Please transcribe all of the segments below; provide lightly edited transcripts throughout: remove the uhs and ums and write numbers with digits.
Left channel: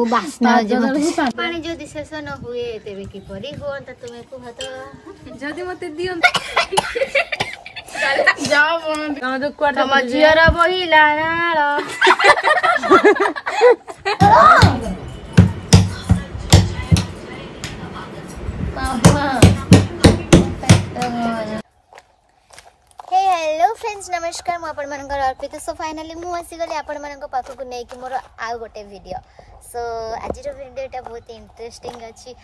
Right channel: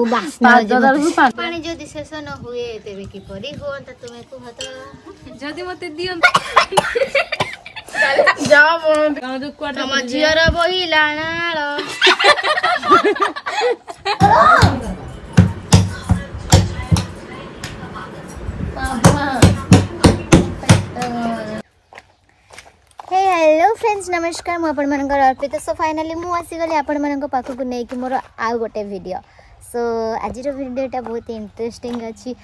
पानी जदि शेष न हुए तेरे किपरि हो तुम्हें कुह तो जदि मते दियो जाओ तम झीर बहिला नाल हेलो फ्रेंड्स नमस्कार मु आपण मनकर अर्पित सो फाइनली मु आसी गली आपण मनक पाखु को नै कि मोर आ गोटे वीडियो सो आज वीडियोटा बहुत इंटरेस्टिंग अच्छी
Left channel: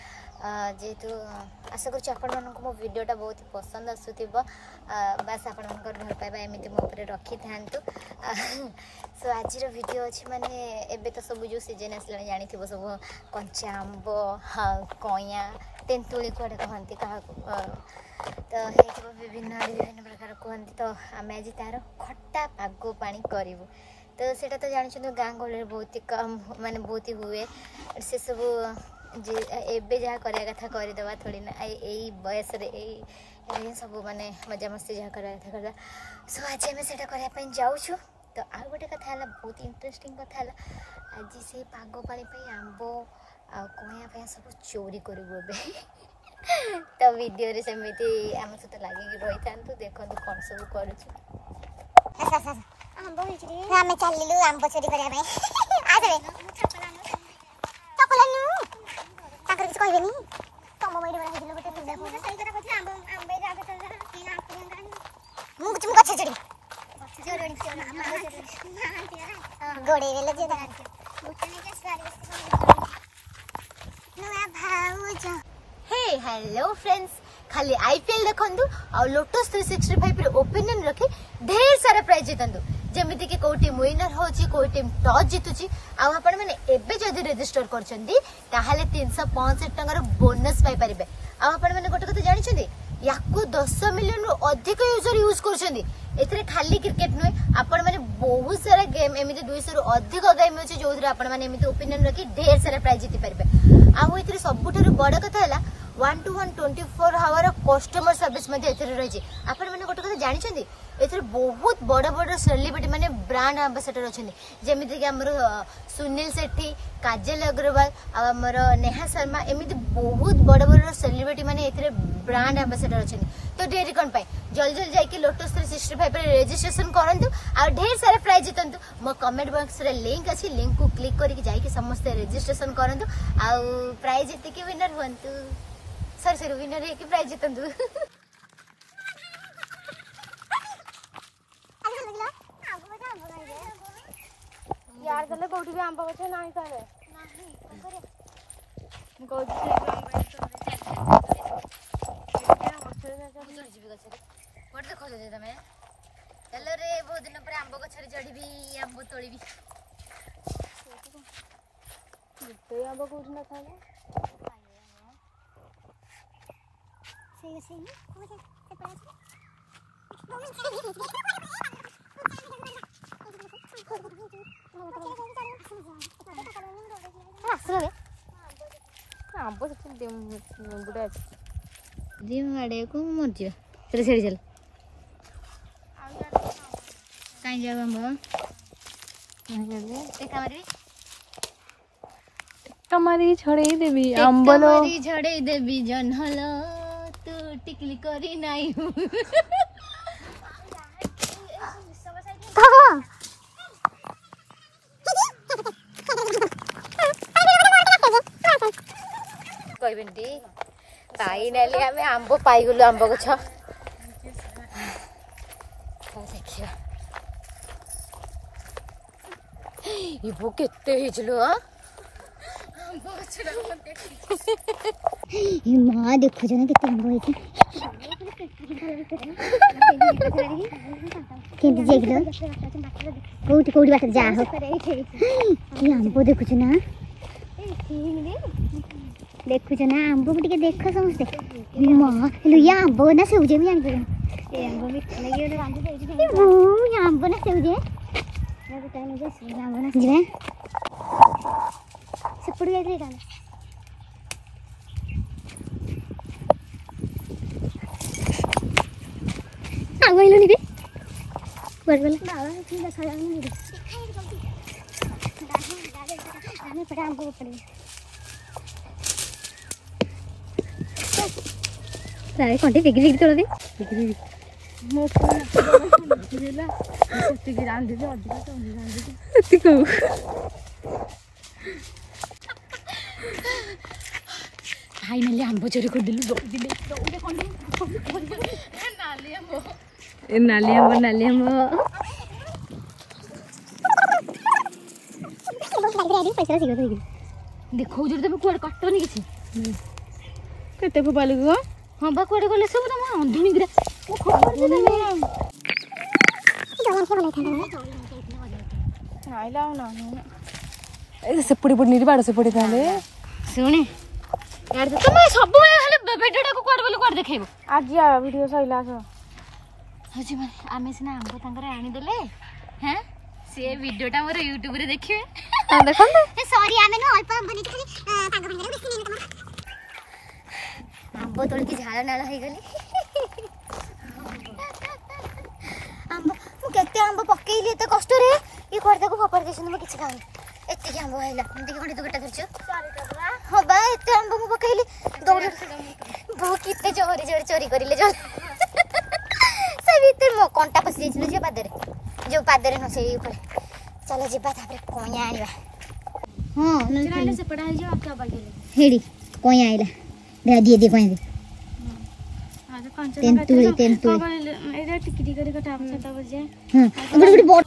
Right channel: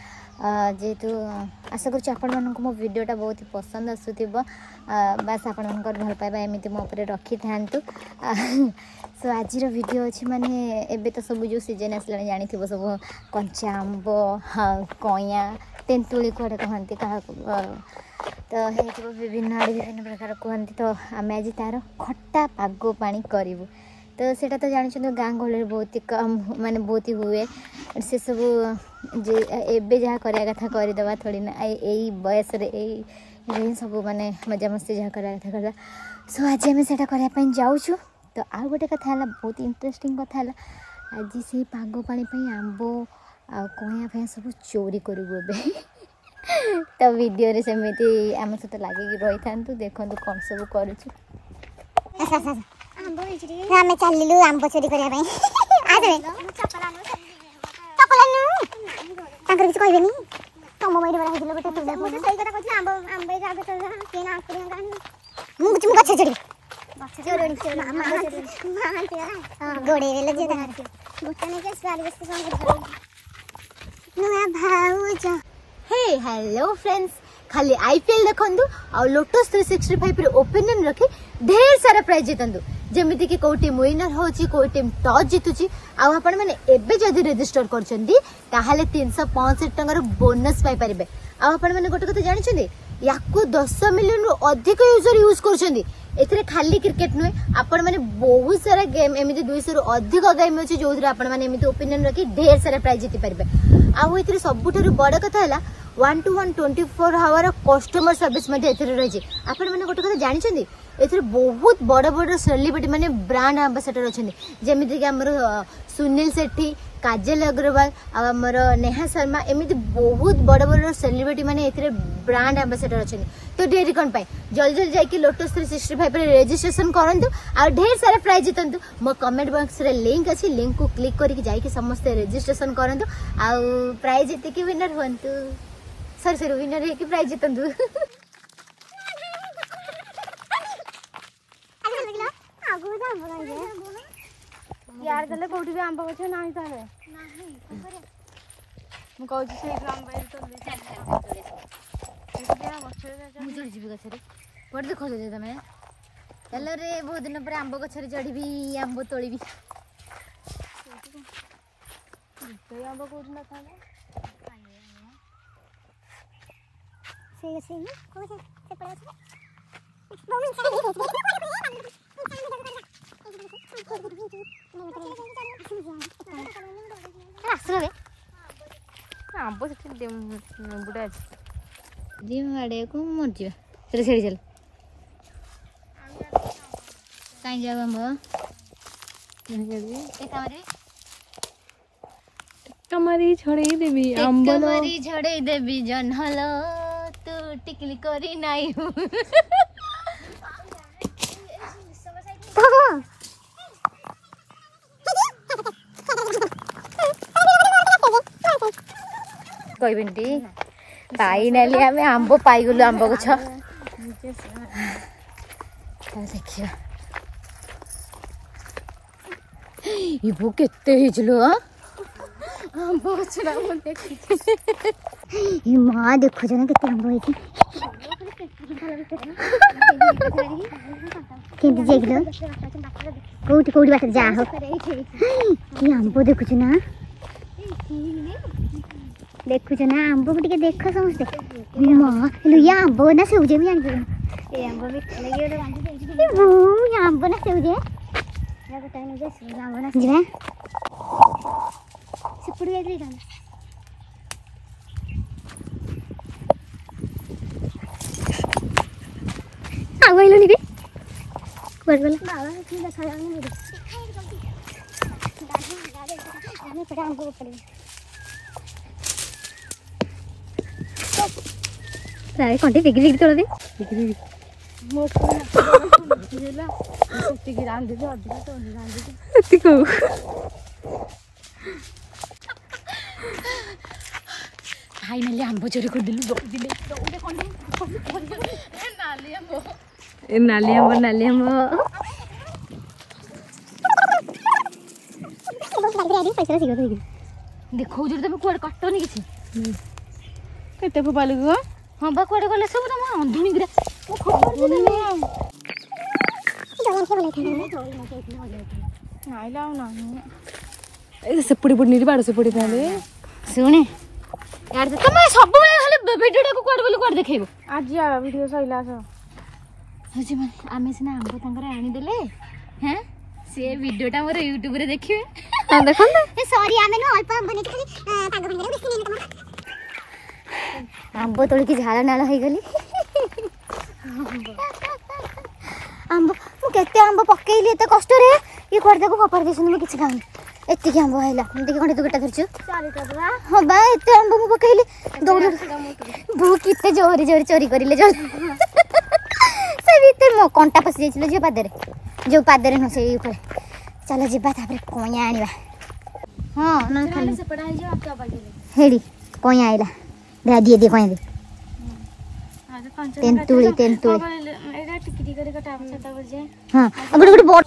जेहेतु आशा कर आपण मनक मो वीडियोटा बहुत ही पसंद आसुथिबो बस आपण मनकर भल पाइबा एमिति मो ऊपर रखी थांतु सो आज वीडियो अच्छी माने एबे तो सब जो सीजन आसला जानी थिबो सब कंचा आंब कइया तेंतुली कोडे कहंती कहा तो ये विभिन्न प्रकार कहते तो आम आज तार खट्टा पाग पानी करूँ तो सेटा तो जानते गाँ गहली बहुत ही कम माने बहुत ही हुए से सब एबे जहाँ करा कथा करदे थोड़ी ना यही बयस सब माने मजा मस्ती जहाँ करा कथा करवा सो आज आम से करने जाऊँ तो आउ गोटे कथा है बहुत इंटरेस्टिंग कथा है आज से पाग पानी आंब आ कइया सब चोरी करूँ तो वीडियो रे सेमिति आम सहित लगे रही था देखो कौन सब कर चलू आंब चोरी करने किसी कहबे तुम बैठ बड़ा गोटे हे हेलो फ्रेंड्स खाली आईपीएल देखंदु आ लोटस 365 रे ओपिनियन रखी ढेर सारा प्राइज जितंदु जेमिति कि को टीम विनर होची को टीम टॉस जितुची आ आपण माने एबे जदी रजिस्टर करचंदी ताहाले 365 टंगर बोनस पाई परिबे आ आपण माने गोटे कथा जानि छथि याकु 10 मिलियन रु अधिक यूजर यूज करचंदी एथरे खाली क्रिकेट नुए आपण माने बहुत सारा गेम एमिति 200 रु अधिक गेम अछि जोथरे आपण माने एमिति ओपिनियन रखी ढेर सारा प्राइज जिति परिबे आ एथरे सबुठारु बड़ कथा हला 1 to 1 24 आवर कस्टमर सर्विस मध्ये एथरे रही आपण माने गोटे कथा जानि छथि एथरे बहुत बड़ बड़ सेलिब्रिटी माने ब्रांड एम्बेसडर अछन जेमिति कि हमर सुनील सेठी काजल अग्रवाल आमर नेहा शर्मा एमिति बहुत बड़ बड़ सेलिब्रिटी माने एथरे ब्रांड एम्बेसडर अछन तो डेरी कोन पाए जल्दी जल्दी जाई लोटस 365 पर रजिस्ट्रेशन करंतु आ ढेर सारा प्राइज जितंतु मो कमेंट बॉक्स रे लिंक अछि लिंक को क्लिक करके जाई कि समस्त रजिस्ट्रेशन करंतु आ प्राइज जिते कि विनर होंतु सर विनर है कि प्राइज जितंतु यार गले कोठी भी आंब गछ नाही ताले नाही मु कहू छी आंब गछ मुझे जीव गछ रे पड़ देखो दे तमे चलो रे बहुत दिन पर आंब गछ रे चढ़ीबी आंब तोड़ीबी ते आंब कोठी न खाले से न को से पड़ा दिमाड़े को मर जा चल छेड़ी चल कहीं जाओ हम कमारी छड़े देवी अंबलो छड़े देवी जनहल तू टिकली करी नाही कहबिंटी फाइनली आम आंब पाइगलु आंब गछ देखिया इबो केते हिजलो आंब गछ ना म देखि ई मां देखो जना केते आंब है केंती देखलो कोठी कोठी बात जा हो की आंब देखु ना देखु ना आंब को टिके देख समझते मां लुया आंब ना सेउजे भी जान ए आंब भी लगे तो बांधी दे वो आंब ना सेउजे या तो टाइम जे आंब ना जे सिपुड़ गई रे गाना आ गइलो नी बे बोल बोल बाबा की देखा जानी रे दिखाई जल्दी दादा दादा ଏପଟେ ଆମ୍ବ ଉପରେ ତାରେ କଣ୍ଟି ବିକି ବିକି ତୋଳନ୍ତି ମୋ ହେଲା ସେତିକି ରାନ୍ଧିଛି ଅଧିକ ରାନ୍ଧିଛି ସେତିକି ଫାଇନାଲି ଆମ୍ବ ଚୋରି କରିଦେଲି ଦୌଡ଼ିଲେ ନାଲି ଆମ୍ବ ଦେଖାଉଛି ତମେ କୁଆଡେ କାଟନି କିଛି କେତେ ଫୋପାଲୁ ଗ ହଁ ବା କୁଆଡେ ଗଲେ ସବୁ ତମ ଅନ୍ଧୁଣି ଗୁରା ସେପଟେ ପଡି ବାଡ ସେପଟେ ତାହେଲେ ଶୁଣେ ତମେ ସବୁବେଳେ ଖାଲି ଭିଡିଓଟାକୁ କୁଆଡେ ବୋଲି କୁଆଡେ ଦେଖେଇବ ଆଜି ଭିଡିଓ ସଇଲା ହଉଛି ମାନେ ଆମେ ସିନା ଆମ୍ବ ତାଙ୍କର ଆଣିଦେଲେ ହେଁ ସେ ଭିଡିଓଟା ମୋର ୟୁଟ୍ୟୁବରେ ଦେଖିବେ ଦେଖନ୍ତୁ ସରି ଆମେ ଅଳ୍ପ ଆମ୍ବ ନେଇକି ଆମ୍ବ ତୋଳିକି ଝାଳ ନାଳ ହେଇଗଲି ଆମ୍ବ ମୁଁ କେତେ ଆମ୍ବ ପକେଇଲି ଏତେ କଷ୍ଟରେ ଇଏ କୁଆଡେ ତାକୁ ଫୋପାଡ଼ି ଦେଇଛନ୍ତି ମୁଁ କିଛି ଖାଉନି ଏତିକି ଆମ୍ବ ହେଲା ଦେଖି ଖଣ୍ଡେ ତୁ କେଟା ଧରିଛୁ ହଁ ବା ଏତେ ଆମ୍ବ ମୁଁ ପକେଇଲି ଦୌଡ଼ି ବୋଉ କେତେ ଜୋରେ ଜୋରେ ଚୋରି କରିଲେ ଜଣେ ସେ ଭିତରେ ମୋ କଣ୍ଟା ପଶି ଯାଇছিল ଯୋଉ ପାଦରେ ନୁହଁ ସେଇ ଉପରେ ଚାଲ ଯିବା ତାପରେ କଇଁଆ ଆଣିବା ହଁ ସେପଟେ ହେଇଯିବ ହେଡ଼ି କଇଁଆ ଆଇଲା ଭା ଦିଏ କଇଁଆ ଦେ ତେନ୍ତୁଳି ହଁ ଗୋଟେ ବଡ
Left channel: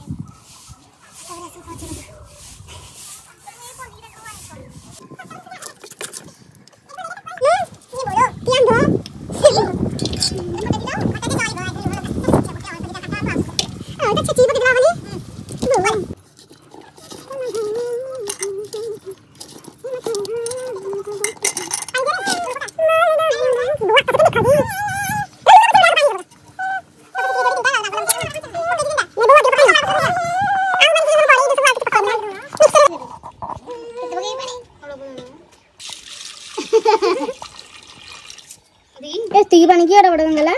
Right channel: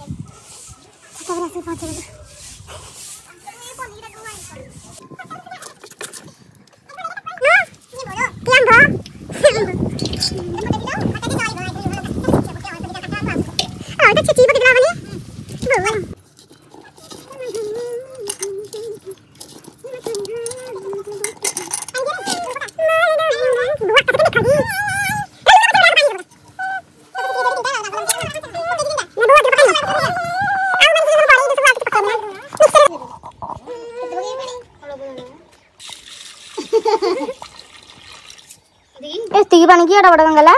ଏତିକି ପାଣି କି ଏଟା ବଡ ଗଙ୍ଗଲା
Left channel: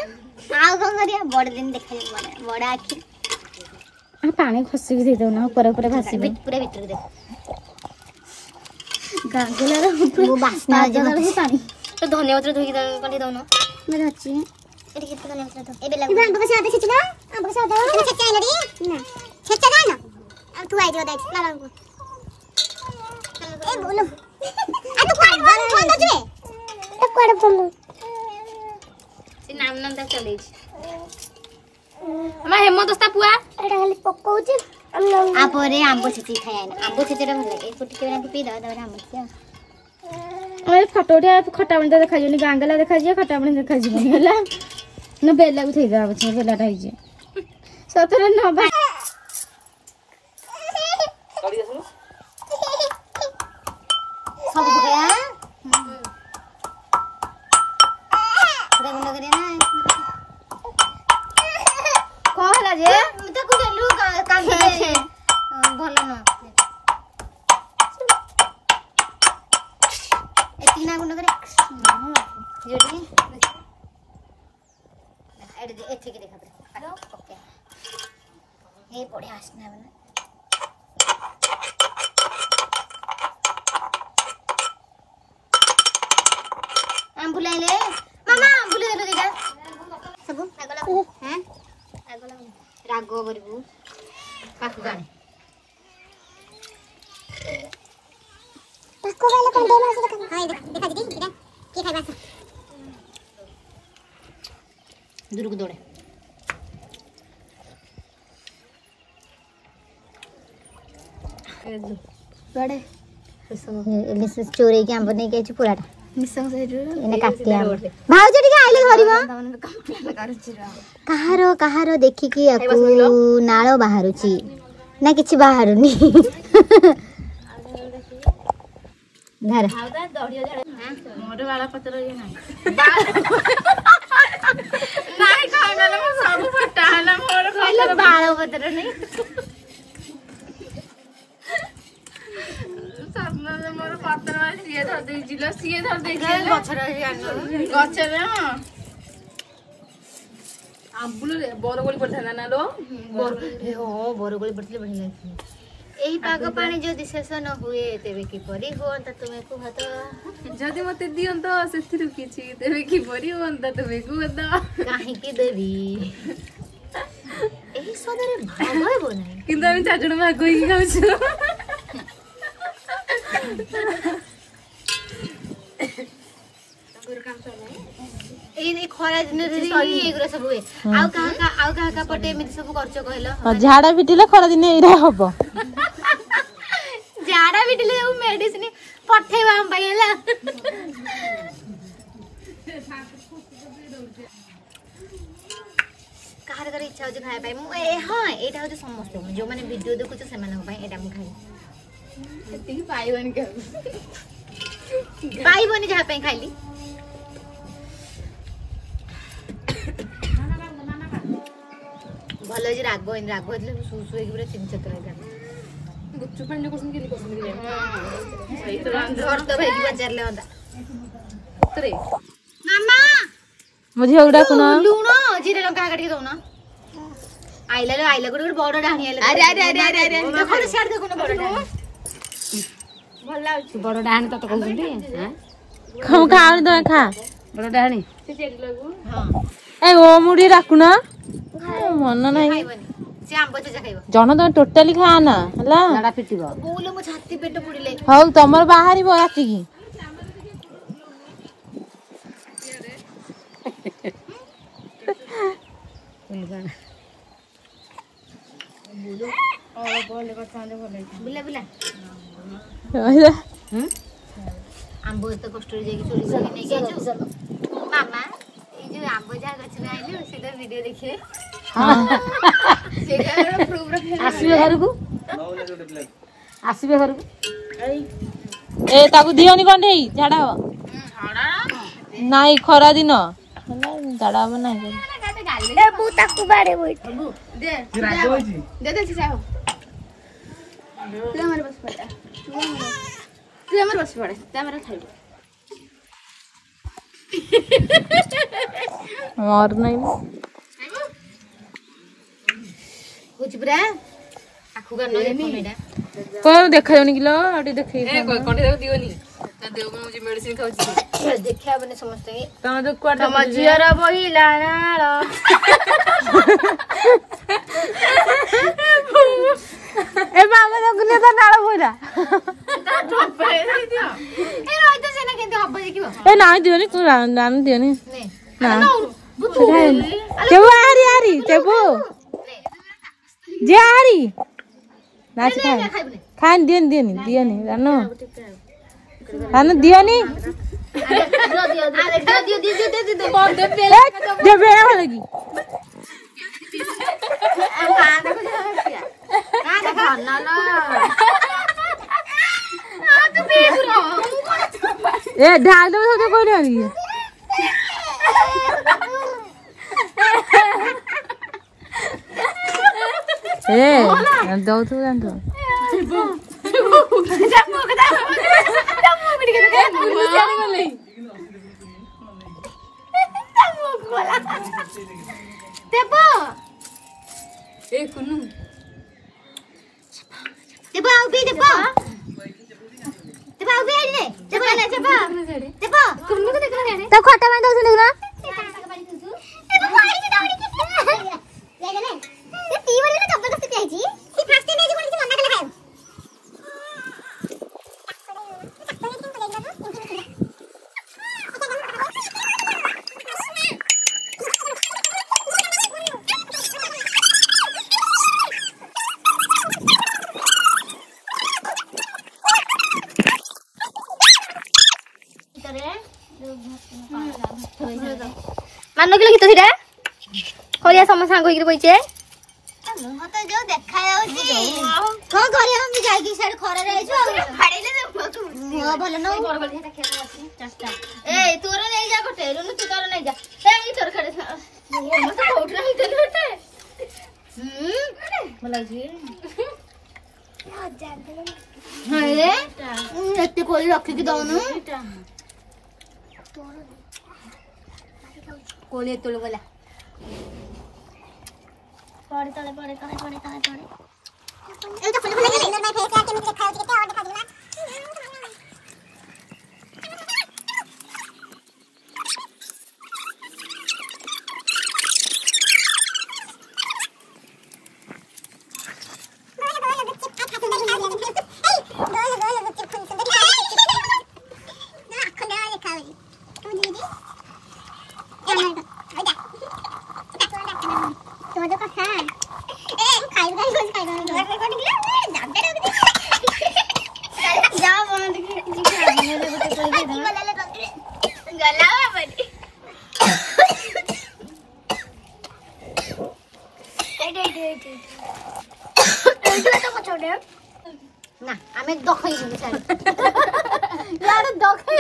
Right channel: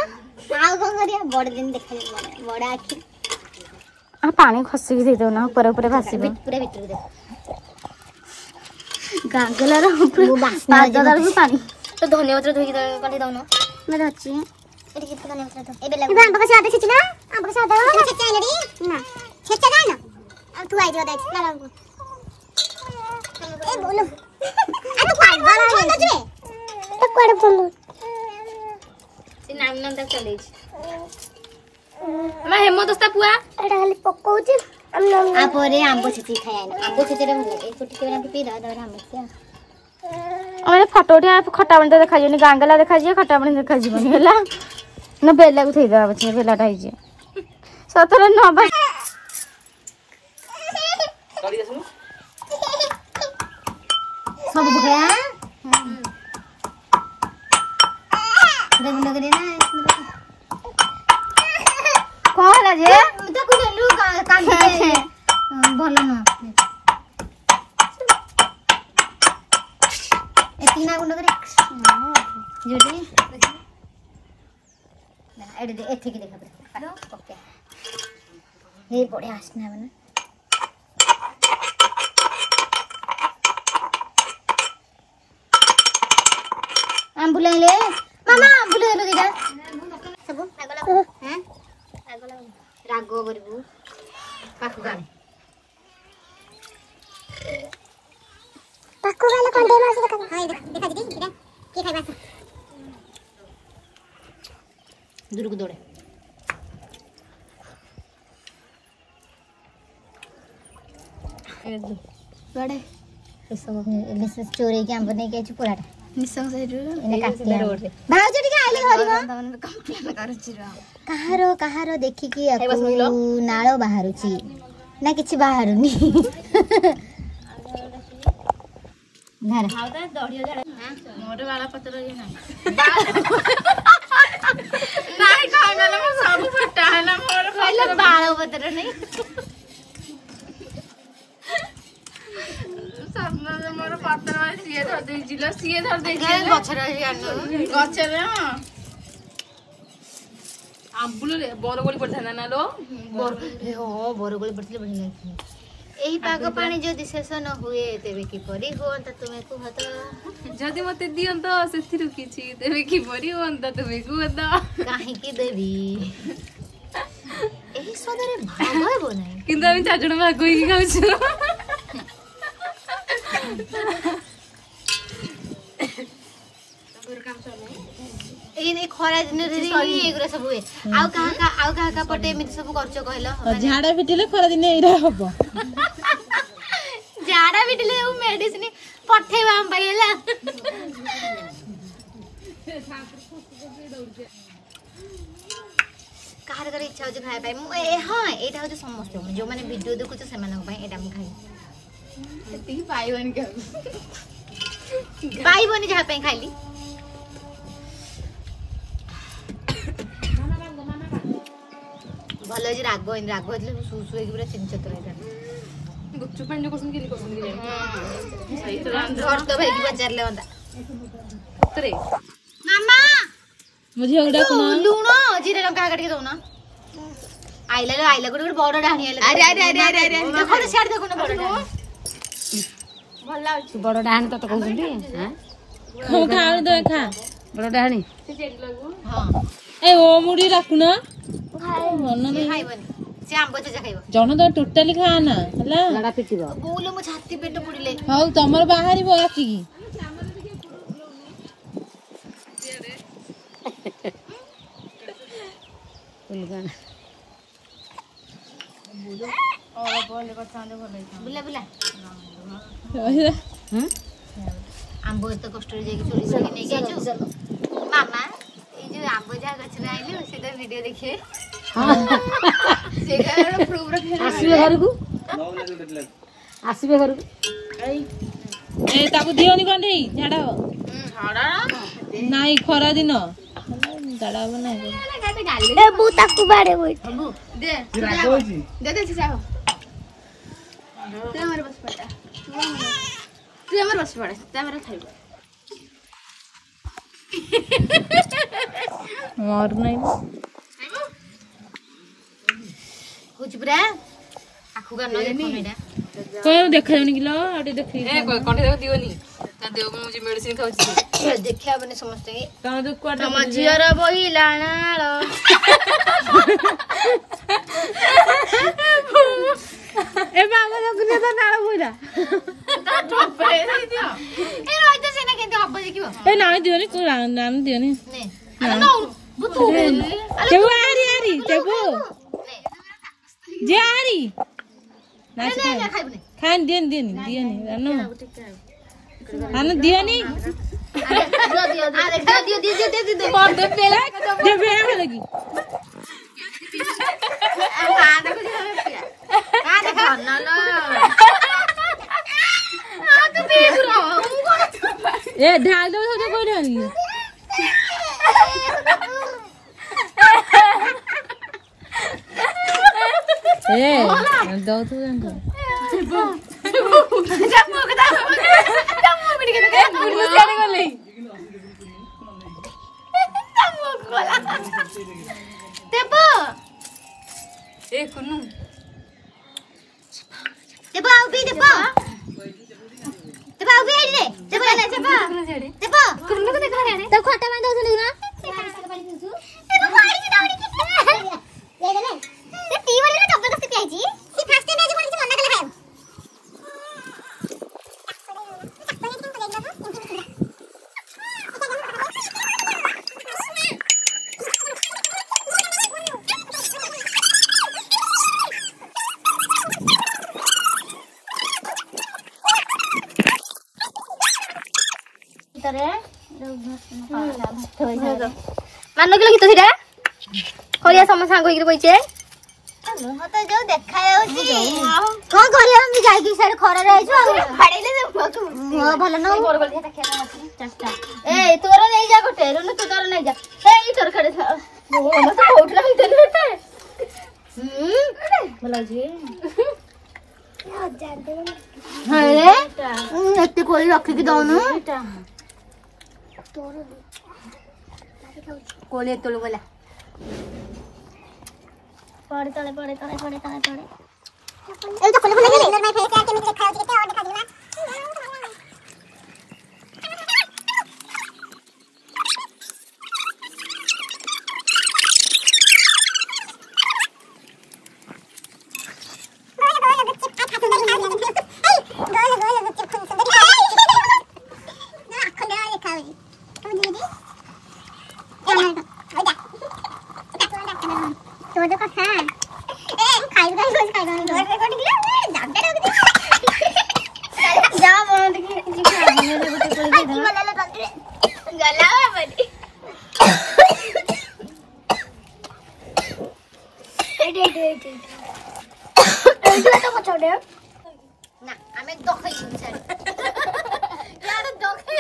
ଆଉ କଣ କରିବା ବଡ ଦିନ ଦେଖାଯିବ ବଡ ଆଖି ପାଣି ଖସିକି ଦେଇଦଉନା ଉପରେ ଉପରେ ଭାସିବ ପୁରା ଭିତରକୁ ଦେଖ ଗାଙ୍ଗଲାର ପାଣି ତ ଧନିଆ ପତ୍ର ଧୋଇକି କାଟି ଦଉନ ମାନେ ଅଛି ଏଠି କେତେ ଧନିଆ ପତ୍ର ତ ଏବେ ଲାଗୁ ଆମ୍ବ କଷା ଦେଖିଛୁ ନା ଆମ୍ବ କଷା ଦବ ଛେଚା ଆଇଲରି ନା ଛେଚା ଗାନ ଆଉ ତୁ ଆଇଦିଅ ଦେଖ ନା ଲାଗୁ ଏ ବୋଲ ଆ ତୁ ପାଗଳ ହେଇଯିବେ ଏ କୁଆଡେ ବୋଲୁ ସେ ନାମ ତା ଚଲେଇଛି ଆମ ହେମଦସ୍ତା ପୁଆ ଏଟା ଖାଲି ପକଉଛି आ परे आंबो छेची खाया ना आंबो छेचीटा भल लागे फुटी के पी दवा दवा आंबो छेची अरे फटोटिया खट्टा बन देखा जनी गांगला देखा जे खट्टा बन देखा जीवनी हला न बेला को थई दवा बचे बेलाटा होई जे सतरे न बा सब बगया देखो लग रे ना कौन है जे देखो देलु काम दे भल न एतिना गुंड करे जोडी ना एडे दे एथि के देख ओके ये बढ़िया आसना बने आंबुला ले मामा आंबुला देलो दिदा सब लागला हैं लागला रागो करबू पाकु गाने पाकु गाले कोन दे मास देखा हां देखा दे इरा के खाइबा दूर को दौड़े बड़े इसो चोरी के आंब नहीं के पुराटा निसंग से एने काटिया भाउज टिके आइले घरिबा कंप्लेन करछि रा कहारो देखि कि आकु नाळो बाहरुची ना किछि बाहरुनी घर हाउदा दढ़िया जड़ा मोर वाला पत्र ये नाही नाही खागला मो सब फटा हला मोर पहले बाळ पत्र नहीं सामना मोर पत्र सिए धर दे जिला सिए धर दे गछर गछर आंबुल रे बरगोली पड़था ना लो बर हे हो बरगोली पड़थले बढ़िया एही पाग पानी जदि शेष न हुए तेबे किपरि होंता तुमे कुह तो जदि मते दियंत सेथिरु किछि तेबे किपरि होंता तुमे कुह तो काहे की देवी एही सदरे भाग हेबो नै किंतु हम चाचड़ भाग होई खाउछु ए खरा दिन रे एगुरा सब हुए आउ कहा पटे एमिति सब करछ कहलो झाड़ा पिटिले खरा दिन एरा हबो झाड़ा पिटिले उ मेडिसिन पठेबा हम पाइला कार कर इच्छा हो खाय पाई मु हां एटा हो समस्त जो माने वीडियो देखु छ सेमान को पाई एटा मु खाई एति पाइबनी के पाइबनी जहा पे खाइली भलो जे राग होतले सुसु के पूरा चिन चतर जा गुपचुप पानी कोसन के कोसन के जाय सही तो घर तो भाई की बचार ले होता तरे मामा मुझे उड़ा कोना लूणो जीरे लंका काट के दो ना आइला गुड बड़ डाणी आइला अरे देखो ना छाड़ देखो ना बड़ डाणी भल लाउछ बड़ डाहाणी तो कहउछंती हां खा खा दो खा बड़ डाहाणी से जेल लागू हां ए ओ मुड़ी राखुना मन नाही खाइबनी से आंबो से खाइबो जन तो टोटली खा ना हला झाड़ा पिटिबो बोलो मो छाती पेट पुड़िले हौ तमर बाहरी बराती की बुलगान बुला हम आंबो तो कष्ट रे जाके चोरी करके नहीं गयो मामा ए जो आंबो जा गछ रे आइले सीधा वीडियो देखिए हां देखा प्रूफ रखे आसीबे घर ए ताकू दियोनी कंढेई झाड़ा हो छाड़ा नाही खरा दिन झाड़ा हो नाही ए बु ताकू बाड़े बोई बु दे दे चाहो तू हमारे बस पड़ा तू हमारे बस पड़ा तू हमारे खाइबो और नहीं कुछ ब्रा आखु का नय फोन एटा कोन देखा जाउनी किलो आटी देखै ए कोठे देव दियोनी देव मुझे मेडिसिन खाउछी देखिया बने समस्त के तम जो क्वाटा तम जियर बहिला नाळ ए मामा लगने तो नाळ बोला ए रोज सेना केंते हब्ब देखिबो ए ना दियोनी को नाम दियोनी ने ना बुतु केबो आरी तेबो जे आरी नाच खा खाइबने खान दियोनी जानो हां दियोनी अरे दियो दे बंद पेले जे बेरा हो लगी ए ढाल दो तो कोई नहीं ए दो तो जान ए कुनु तो खटा में दो सुन ना मान के गीत सीधा करिया समस्या को इकरे कइचे मुह तो जो देखा जाउची कोन करिया हम जाई सारे खरा रहै छु फाड़ेले मुह भलो न ए तोर नहीं जा गोटे रुनु तू तोर नहीं जा ए ई तोर खड़े हम तो उठला ही तेल बेटे भला जी हाय एते कोली रखी के दउनु कोले तोड़ बोला पड़े तले ଏଇ ତ ଫୁଲ ଫୁଲ ଲାଗି ମାଇ ଫେସ୍ କେମିତି ଦେଖା ଯାଉଛି କେତେ ଆଉ ଦେଖା ଯିବା ना आमे दखै दिनु छ यार दखै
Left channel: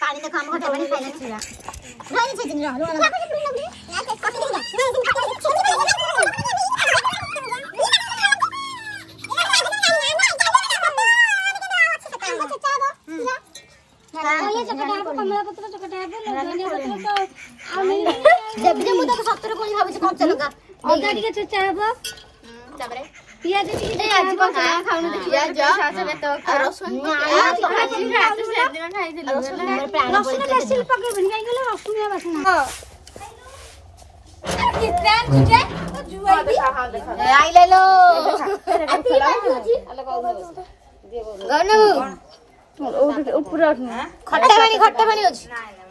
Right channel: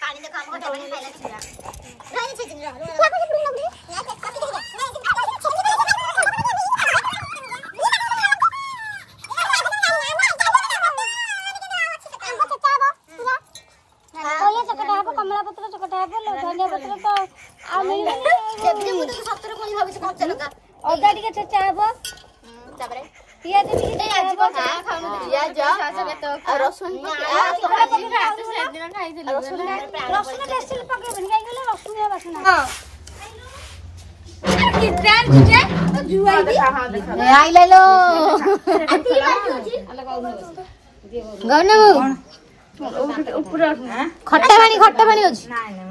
पानी त काम गर्दा पनि खाइला छिरा नाइ छ जिन कमला पत्र चकटा धनिया पत्र तो जब जब मुझे 70 कोन भाबे कम चलगा ओदा टिके चचा हबो तबरे पियाज टिके आज को खाउनु त पियाज तो रसुन रसुन कैसे पके बन गई गेलो रसुन या बासना आई ले लो गने खट्टा पानी होची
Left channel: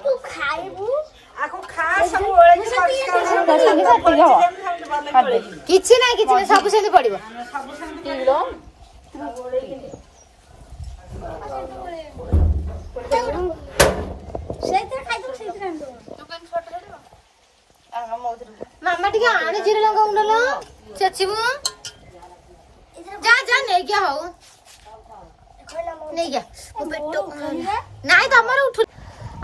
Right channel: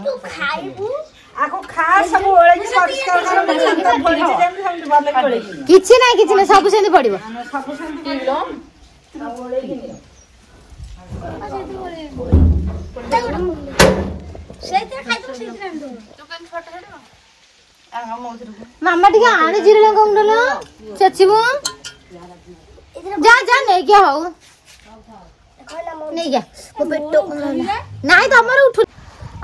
तू खाइबू आको खा सब ओळेगी परिष्कार कर संत पड़ी जेम हम भले पड़ेगी किछि नै सब सेने पड़िबो सब सेने पड़िबो ओळेगी सेते खाइबू सेते दुकान छोट छोट आ मोतिर मामा टिके आने जीरे लंका उंडलो चचिबू जा जा नै क्या हो नहीं क्या वो पेटो नहीं तो हमर उठ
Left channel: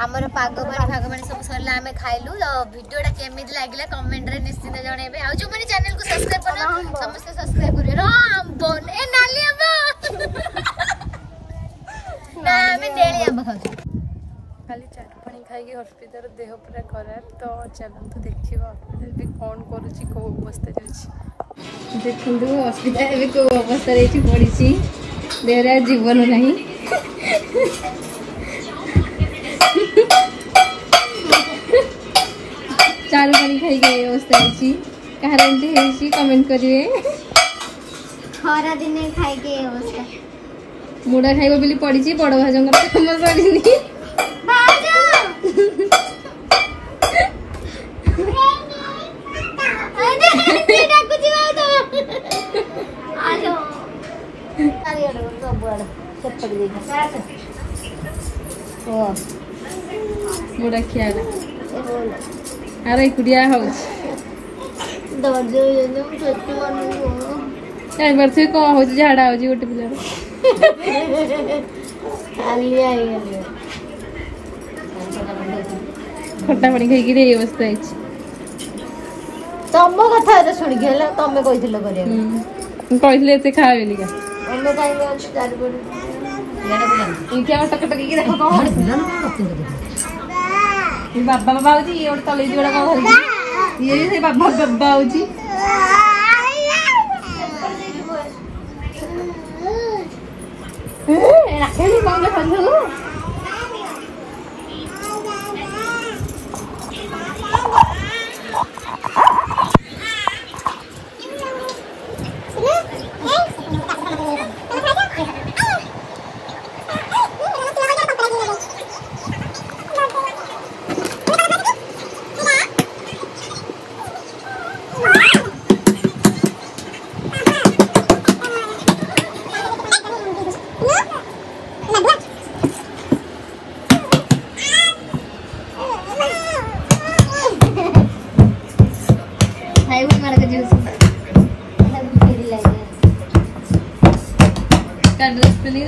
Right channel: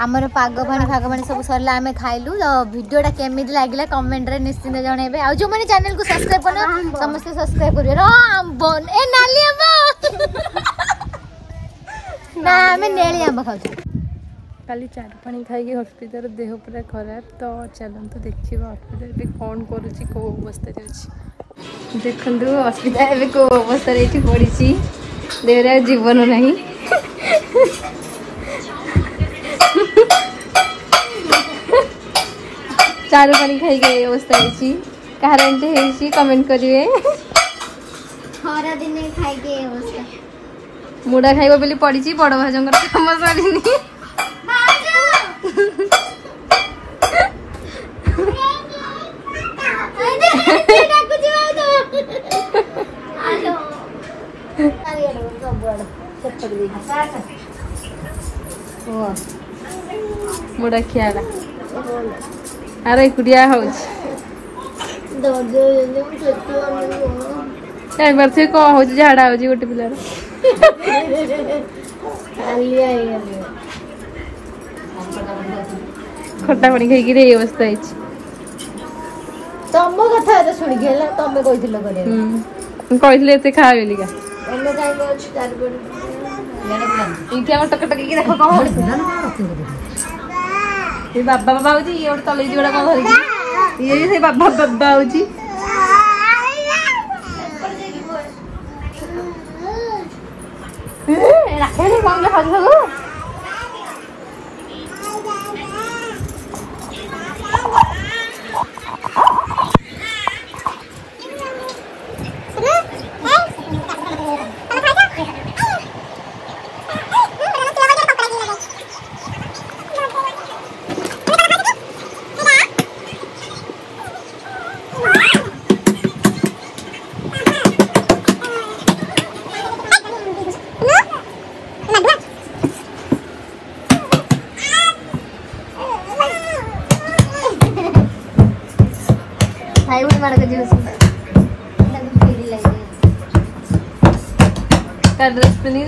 हमर पागबाणी सब सरला हमें खाइलु तो वीडियोटा केमिति लागिला कमेंट रे निश्चित जणेबे आ जो माने चैनल को सब्सक्राइब करना समस्त सब्सक्राइब करियो रो आंब ए नाली आंब ना हमें नेली आंब खाउ खाली चार पानी खाई हॉस्पिटल देह पूरा खराब तो चलतु देखिए हॉस्पिटल भी कौन करुच्ची कौ अवस्था देखु हॉस्पिटल कौ अवस्था पड़ी देहरा जीवन नहीं चारू पानी खाई गई अवस्था कहार एमती कमेंट करिए खरा दिन खाई गई अवस्था मुड़ा खाइब बोली पड़ी बड़ भाजर कम सरी मुड़ा खियाला अरे कुड़िया हो कौन हो झाड़ा हो गोटे पिलार खट्टा पानी खाई अवस्था तम कथा शुणिक तमें कहते एत खा बोलिका बाबा बाबा हो ये गोटे तले गोटा कौन ये भी बाबा बाबा हो ड्रेस पहनी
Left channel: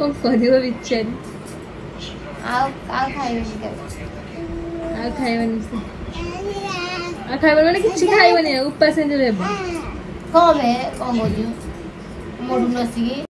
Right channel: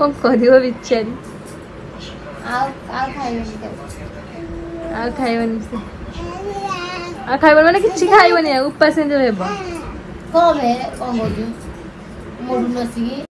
कौन करियो बिचारी खाइबनी से खाइबन माने किछि खाइबनी उपास जो हेबो कम है कम हो मोडू नसी